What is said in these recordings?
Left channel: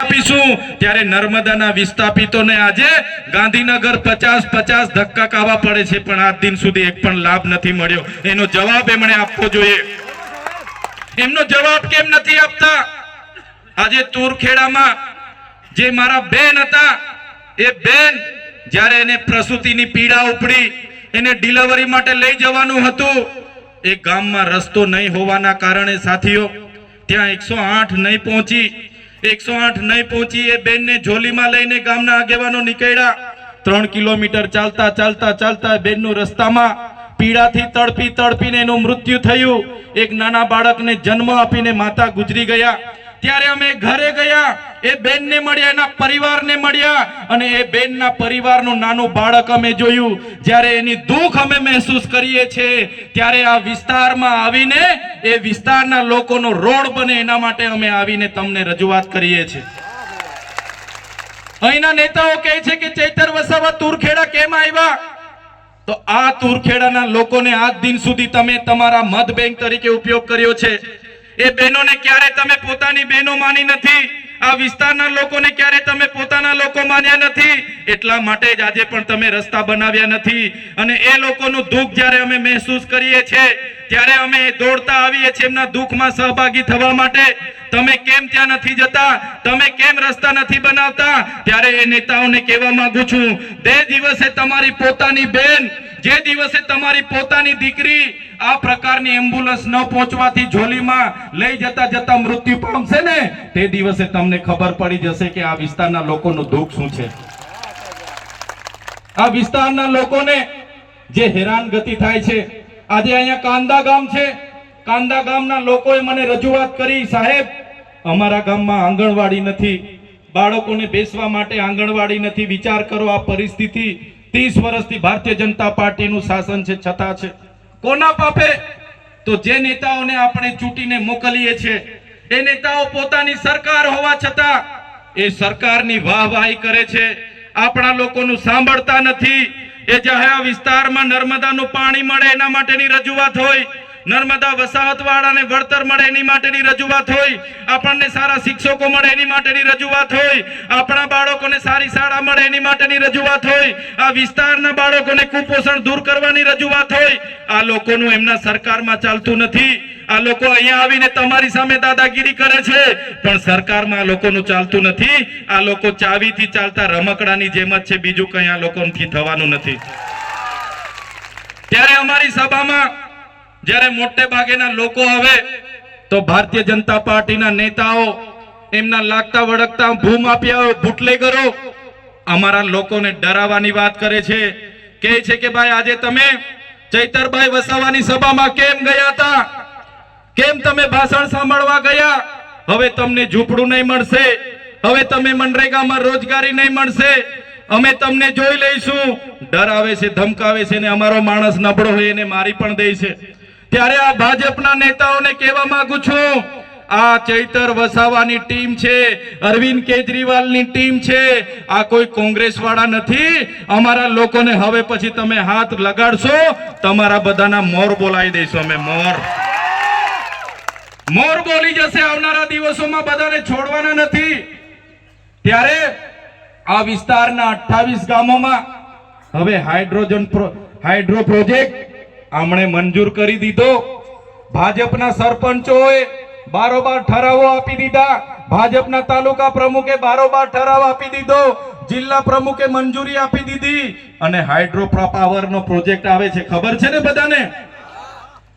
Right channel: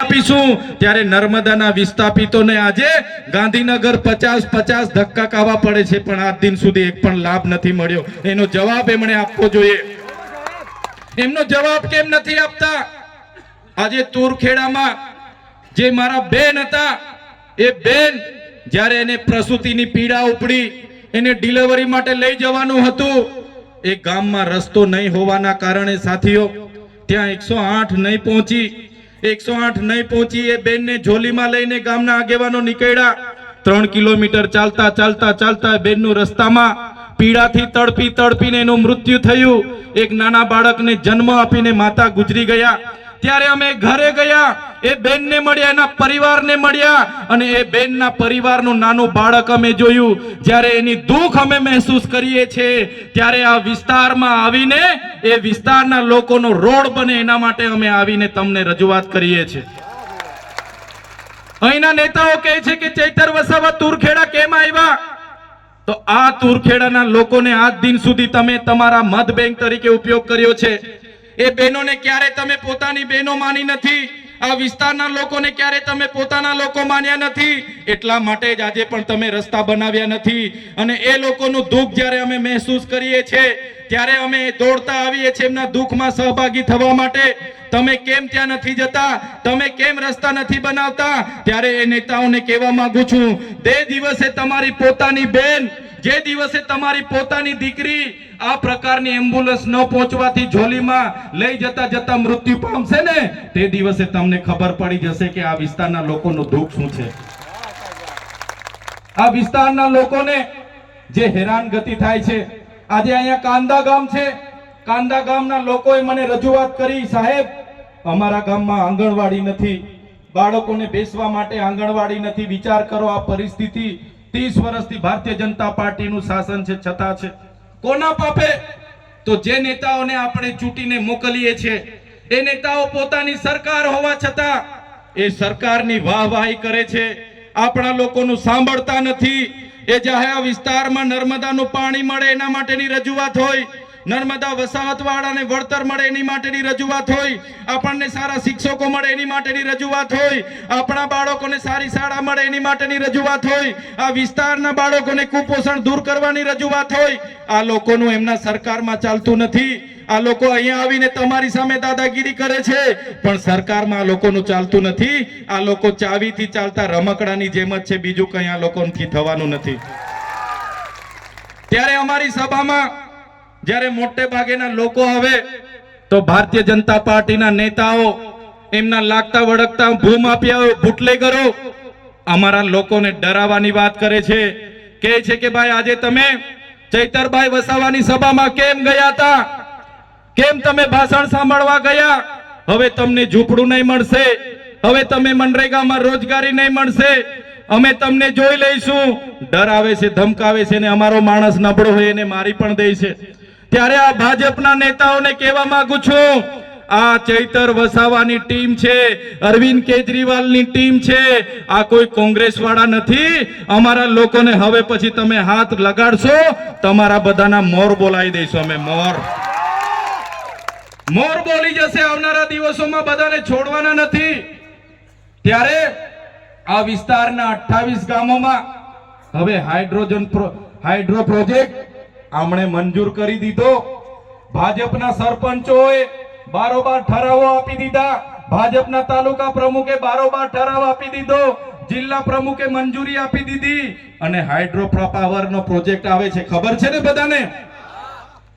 આપીશું. ત્યારે નર્મદાના વિસ્થાપિતોને આજે ગાંધીનગર પચાસ પચાસ ધક્કા ખાવા પડે છે, પણ આજ દિન સુધી એક પણ લાભ નથી મળ્યો. એનો જવાબ એમણે આપવો જોઈએ. એમનો જવાબ કેમ નથી આપતા? આજે તુરખેડામાં જે મારા બેન હતા, એ બેન જ્યારે એને પ્રસૂતિની પીડા ઉપડી, એને ડિલિવરી માટે લઈ જવાનું હતું, એ ગામમાં રસ્તો નહીં હોવાના કારણે સાથીઓ, ત્યાં એકસો આઠ નહીં પહોંચી એકસો આઠ નહીં પહોંચી એ બેનને ઝોલીમાં લઈને ગામના આગેવાનો નીકળ્યા. ત્રણ કિલોમીટર ચાલતા ચાલતા ચાલતા બેનનું રસ્તામાં પીડાથી તડપી તડપીને એનું મૃત્યુ થયું. એક નાના બાળકને જન્મ આપીને માતા ગુજરી ગયા. ત્યારે અમે ઘરે ગયા. એ બેનને મળ્યા, એના પરિવારને મળ્યા અને એ બેનના પરિવારનું નાનું બાળક અમે જોયું. જ્યારે એની દુઃખ અમે મહેસૂસ કરીએ છીએ, ત્યારે આ વિસ્તારમાં આવીને એ વિસ્તારના લોકોનો રોડ બને એના માટે અમે આવીને તમને રજૂઆત કરીએ છીએ. અહીંના નેતાઓ કહે છે કે, ચૈતર વસાવા, તુરખેડા કેમ આવ્યા? તો આ તુરખેડાના લોકોને આજ દિન સુધી તમે તમારા મત બેંક તરીકે ઉપયોગ કર્યો છે. એ બહેનોને ક્યારે તમે પોતાની બહેનો માની નથી? આ વિસ્તારના લોકોને ક્યારે તમે પોતાના લોકો માન્યા નથી? એટલા માટે જ આજે પણ તમે રસ્તા બનાવ્યા નથી. અને એ લોકોનું દુઃખ જ્યારે અમે મહેસૂસ કરીએ છીએ, ત્યારે અમે દોડતા આવીએ છીએ એમના દુઃખમાં સહભાગી થવા માટે. તમે કેમ ત્યાં નથી જતા? તમે કેમ રસ્તા નથી બનાવતા? ત્યારે એ નેતાઓને કહેવા માંગુ છું, તે દિવસે તમારી પોતાની બેન જે દિવસે તમારી પોતાની દીકરી આ પ્રકારની એમ્બ્યુલન્સ ન પહોંચવાથી ઝોલીમાં લઈ જતા જતા મૃત્યુ પામશે ને, તે દિવસે તમને ખબર પડી જશે કે આ વિસ્તારના લોકોનું દુઃખ શું છે. આ વિસ્તારના લોકોને જે હેરાનગતિ થાય છે, આજે અહીંયા કાંદા ગામ છે. કાંદા ગામના લોકોએ મને રજૂઆત કરી, સાહેબ, અમારા ગામમાં આંગણવાડી નથી. બાળકોને બેસવા માટે આંગણવાડી નથી. વિચાર કરો આ પરિસ્થિતિ ત્રીસ વર્ષથી ભારતીય જનતા પાર્ટીનું શાસન છે, છતાં છે. કોના પાપે? તો જે નેતાઓને આપણે ચૂંટીને મોકલીએ છીએ એ નેતાઓ પોતાની સરકાર હોવા છતાં એ સરકારની વાહવાહી કરે છે. આપણા લોકોનું સાંભળતા નથી. એ જાહેર વિસ્તારમાં નર્મદાનું પાણી મળે એના માટેની રજૂઆત હોય નર્મદા વસાહતવાળાને વળતર મળે એની માટેની રજૂઆત હોય, આપણને સારા શિક્ષકો મળે એની માટેની રજૂઆત હોય, આપણા બાળકોને સારી શાળા મળે એની માટેની રજૂઆત હોય, આ વિસ્તારના બાળકોને કુપોષણ દૂર કરવાની રજૂઆત હોય, આ લોકોનું એમના સરકારમાં ચાલતું નથી. આ લોકો અહીંયા આવીને તમારી સામે દાદાગીરી કરે છે, પણ સરકારમાં આ લોકોનું ચાલતું નથી. આ લોકો ચાવીથી ચાલતા રમકડાની જેમ જ છે, બીજું કંઈ આ લોકોથી થવાનું નથી. ત્યારે અમારી સભામાં જ્યારે મોટે ભાગેના લોકો આવે, તો ભારતીય જનતા પાર્ટીના નેતાઓ એમના લાગતા વળગતા ભૂમાફિયાઓ બુટલેગરો અમારા લોકોને ડરાવવાની વાત કરે છે. કહે છે કે ભાઈ, આજે તમે ચૈતરભાઈ વસાવાની સભામાં કેમ ગયા હતા? કેમ તમે ભાષણ સાંભળવા ગયા? હવે તમને ઝૂંપડું નહીં મળશે. હવે તમે મનરેગામાં રોજગારી નહીં મળશે. અમે તમને જોઈ લઈશું. ડરાવે છે, ધમકાવે છે ને અમારો માણસ નબળો હોય એને મારી પણ દે છે. ત્યારે આ ભાજપના નેતાઓને કહેવા માંગુ છું, આ ચૈતર વસાવાની ટીમ છે, અરવિંદ કેજરીવાલની ટીમ છે, આ કોઈ કોંગ્રેસ વાળા નથી, અમારા લોકોને હવે પછી તમે હાથ લગાડશો, તમારા બધાના મોર બોલાવી દઈશું અમે, મોર. મોર બોલી જશે આવનારા દિવસોમાં બધાને છોડવાના નથી. ત્યારે આ વિસ્તારના 28 ગામોમાં હવે હાઇડ્રોજન હાઇડ્રો પ્રોજેક્ટ આમણે મંજૂર કરી દીધો. ભાજપના સરપંચોએ બારોબાર ઠરાવો આપી દીધા. ભાજપના તાલુકા પ્રમુખે બારોબાર ઠરાવ આપી દીધો. જિલ્લા પ્રમુખે મંજૂરી આપી દીધી. અને હાઇડ્રો પાવરનો પ્રોજેક્ટ આવે છે. ખબર છે ને બધાને?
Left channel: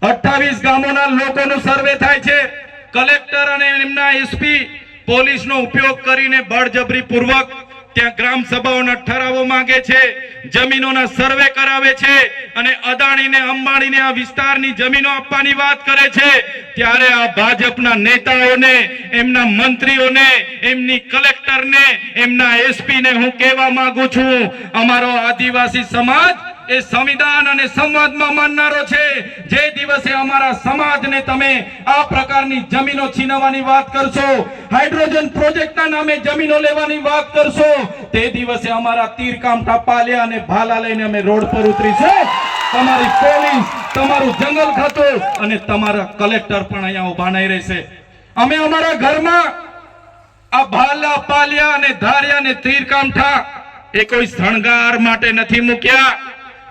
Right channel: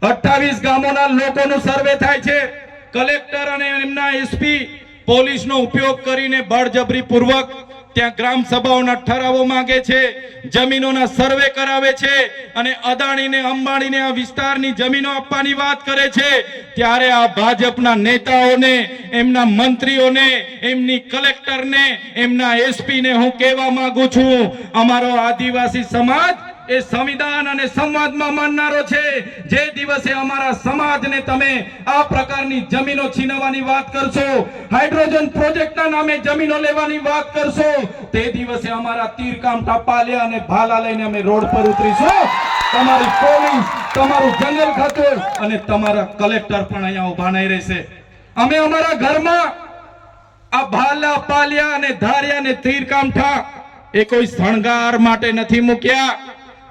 અઠ્ઠાવીસ ગામોના લોકોનો સર્વે થાય છે. કલેક્ટર અને એમના એસપી પોલીસનો ઉપયોગ કરીને બળજબરી પૂર્વક ત્યાં ગ્રામ સભાઓના ઠરાવો માંગે છે, જમીનોના સર્વે કરાવે છે અને અદાણીને, અંબાણીને આ વિસ્તારની જમીનો આપવાની વાત કરે છે. ત્યારે આ ભાજપના નેતાઓને, એમના મંત્રીઓને, એમની કલેક્ટરને, એમના એસપીને હું કહેવા માંગુ છું, અમારો આદિવાસી સમાજ એ સંવિધાન અને સંવાદમાં માનનારો છે. જે દિવસે અમારા સમાજને તમે આ પ્રકારની જમીનો છીનવવાની વાત કરશો, હાઇડ્રોજન પ્રોજેક્ટના નામે જમીનો લેવાની વાત કરશો, તે દિવસે અમારા તીરકામઠા પાલ્યા અને ભાલા લઈને અમે રોડ પર ઉતરીશું. તમારી પોલીસ, તમારું જંગલ ખાતું અને તમારા કલેક્ટર પણ અહીંયા ઊભા નહીં રહેશે. અમે અમારા ઘરમાં આ ભાલા, પાલ્યા અને ધારિયા અને તીરકામઠા એ કોઈ શણગાર માટે નથી મૂક્યા.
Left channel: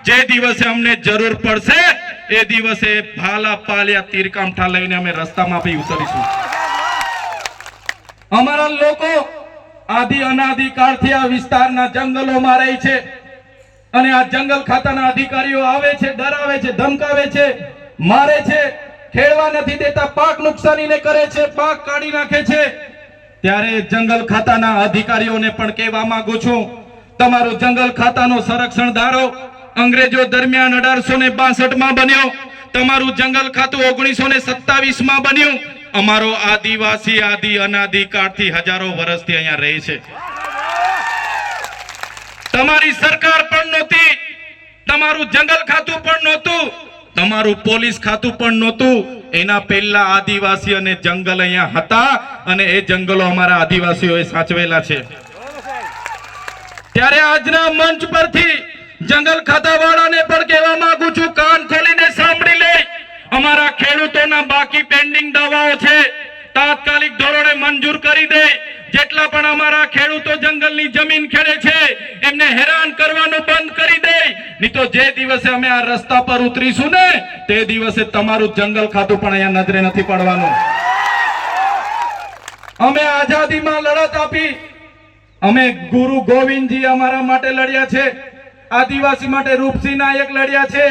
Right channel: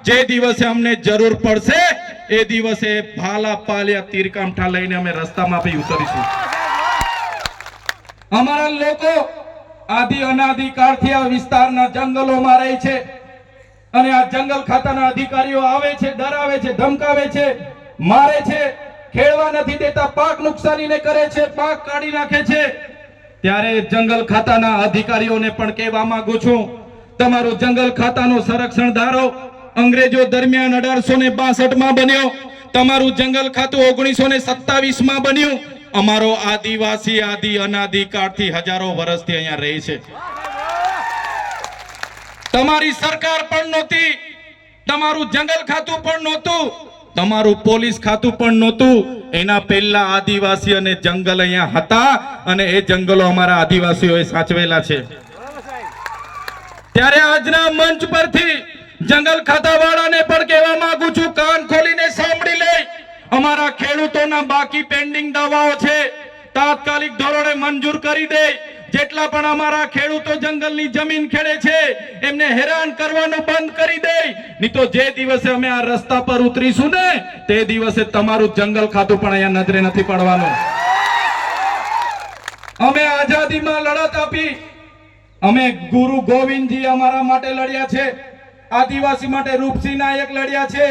જે દિવસે અમને જરૂર પડશે, એ દિવસે ભાલા પાલિયા તીરકામઠા લઈને અમે રસ્તામાં બી ઉતરીશું. અમારા લોકો આદિ અનાધિકારથી આ વિસ્તારના જંગલોમાં રહે છે અને આ જંગલ ખાતાના અધિકારીઓ આવે છે, ડરાવે છે, ધમકાવે છે, મારે છે, ખેડવા નથી દેતા, પાક નુકસાનીને કરે છે, પાક કાઢી નાખે છે. ત્યારે જંગલ ખાતાના અધિકારીઓને પણ કહેવા માંગુ છું, તમારું જંગલ ખાતાનો સંરક્ષણ ધારો અંગ્રેજો દરમિયાન અઢારસો ને માં બન્યો. તમારું જંગલ ખાતું ઓગણીસો ને સત્તાવીસમાં બન્યું. અમારો આદિવાસી આદિ અનાદિ કાળથી હજારો વર્ષથી અહીંયા રહે છે. તમારી સરકાર પણ નહોતી. તમારું જંગલ ખાતું પણ નહોતું. તમારું પોલીસ ખાતું પણ નહોતું. એના પહેલા આદિવાસી અને જંગલ અહીંયા હતા અને એ જંગલો અમારા આદિવાસીઓએ સાચવેલા છે. ત્યારે આજના મંચ પરથી જંગલ ખાતાવાળાને પણ કહેવા માંગુ છું, કાન ખોલીને સાંભળી લે. અમારા ખેડૂતોના બાકી પેન્ડિંગ દવાઓ છે. તાત્કાલિક ધોરણે મંજૂર કરી દે. જેટલા પણ અમારા ખેડૂતો જંગલની જમીન ખેડે છે, એમને હેરાન કરવાનું બંધ કરી દે. નહીં તો જે દિવસે અમે આ રસ્તા પર ઉતરીશું ને, તે દિવસે તમારું જંગલ ખાતું પણ અહીંયા નજરે નથી પડવાનું. અમે આઝાદીમાં લડત આપી. અમે ગુરુ ગોવિંદજી અમારા માટે લડ્યા છે. આદિવાસી માટે રૂપસિંહ નાયક લડ્યા છે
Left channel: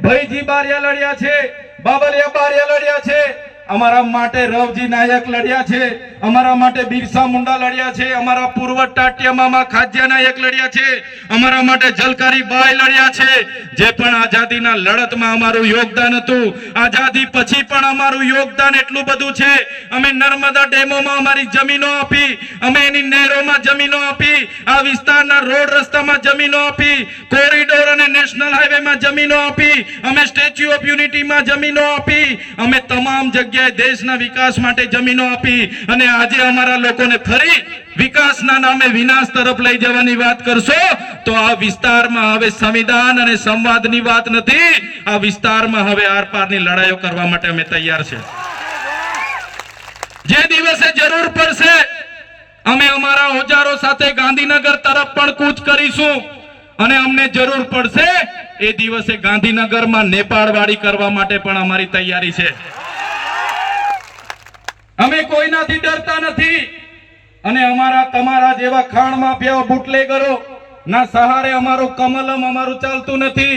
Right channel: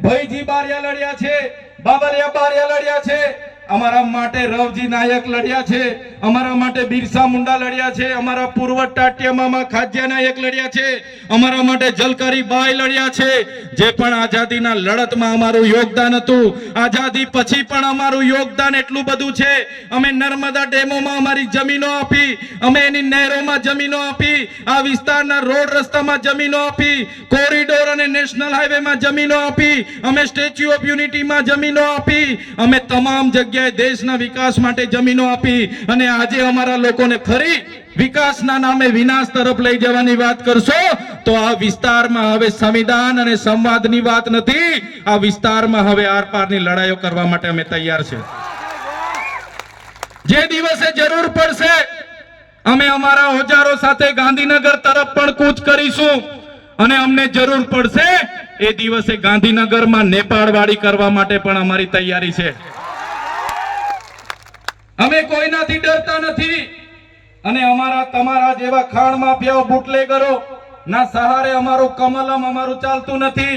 ભૈજી બારિયા લડ્યા છે બાબરિયા બારિયા લડ્યા છે. અમારા માટે રવજી નાયક લડ્યા છે, અમારા માટે બિરસા મુંડા લડ્યા છે, અમારા પૂર્વ ટાટિયા મામા ખાદ્યા નાયક લડ્યા છે, અમારા માટે જલકારી બાઈ લડ્યા છે, જે પણ આઝાદીના લડતમાં અમારું યોગદાન હતું, આઝાદી પછી પણ અમારું યોગદાન એટલું બધું છે, અમે નર્મદા ડેમોમાં અમારી જમીનો આપી, અમે એની નહેરોમાં જમીનો આપી, આ વિસ્તારના રોડ રસ્તામાં જમીનો આપી, કોરિડોર અને નેશનલ હાઈવેમાં જમીનો આપી, અમે સ્ટેચ્યુ ઓફ યુનિટીમાં જમીનો આપી, અમે તમામ જગ્યાએ દેશના વિકાસ માટે જમીનો આપી અને આજે અમારા લોકોને ફરી વિકાસના નામે વિનાશ તરફ લઈ જવાની વાત કરશો, તો આ વિસ્તારમાં હવે સંવિધાન અને સંવાદની વાત નથી, આ વિસ્તારમાં હવે આરપારની લડાઈઓ કરવા માટે અમે તૈયાર છે. જે દિવસે જરૂર પડશે, અમે અમારા ઓજારો સાથે ગાંધીનગર તરફ પણ કૂચ કરીશું. અને અમને જરૂર પડશે એ દિવસે ગાંધીનગરમાં નેપાળવાડી કરવા માટે પણ અમારી તૈયારી છે. અમે કોઈનાથી ડરતા નથી અને અમારા તમારા જેવા ખાણ માફિયા બુટલેગરો ના સહારે અમારું કમલમ અમારું ચાલતું નથી.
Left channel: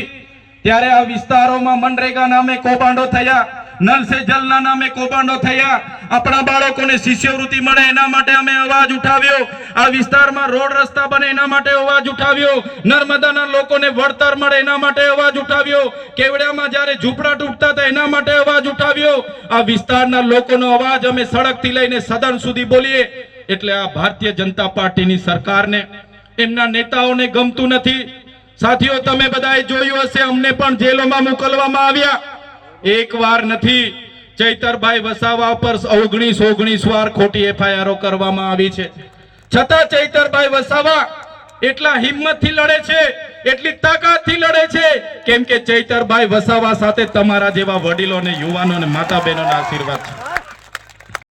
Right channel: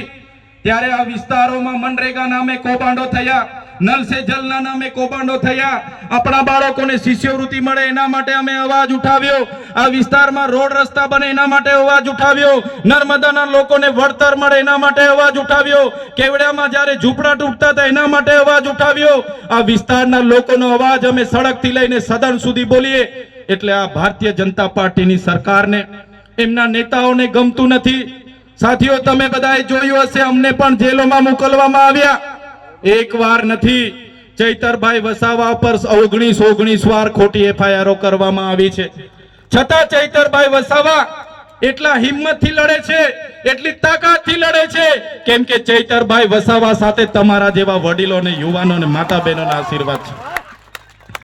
ત્યારે આ વિસ્તારોમાં મનરેગા નામે કૌભાંડો થયા. નલ સે જલના નામે કૌભાંડો થયા. આપણા બાળકોને શિષ્યવૃત્તિ મળે એના માટે અમે અવાજ ઉઠાવ્યો. આ વિસ્તારમાં રોડ રસ્તા બને એના માટે અવાજ ઉઠાવ્યો. નર્મદાના લોકોને વળતર મળે એના માટે અવાજ ઉઠાવ્યો. કેવડિયામાં જ્યારે ઝૂંપડા તૂટતા હતા એના માટે અવાજ ઉઠાવ્યો. આ વિસ્તારના લોકોનો અવાજ અમે સડકથી લઈને સદન સુધી બોલીએ. એટલે આ ભારતીય જનતા પાર્ટીની સરકારને, એમના નેતાઓને ગમતું નથી. સાથીઓ, તમે બધાએ જોયું હશે, અમને પણ જેલોમાં મોકલવામાં આવ્યા. એક વાર નથી. ચૈતરભાઈ વસાવા પર ઓગણીસ ઓગણીસ વાર ખોટી એફઆઈઆરો કરવામાં આવી છે. છતાં ચૈતરભાઈ વસાવા એટલા હિંમતથી લડે છે, એટલી તાકાતથી લડે છે, કેમ કે ચૈતરભાઈ વસાવા સાથે તમારા જેવા વડીલો યુવાનો અને માતા બહેનોના આશીર્વાદ છે.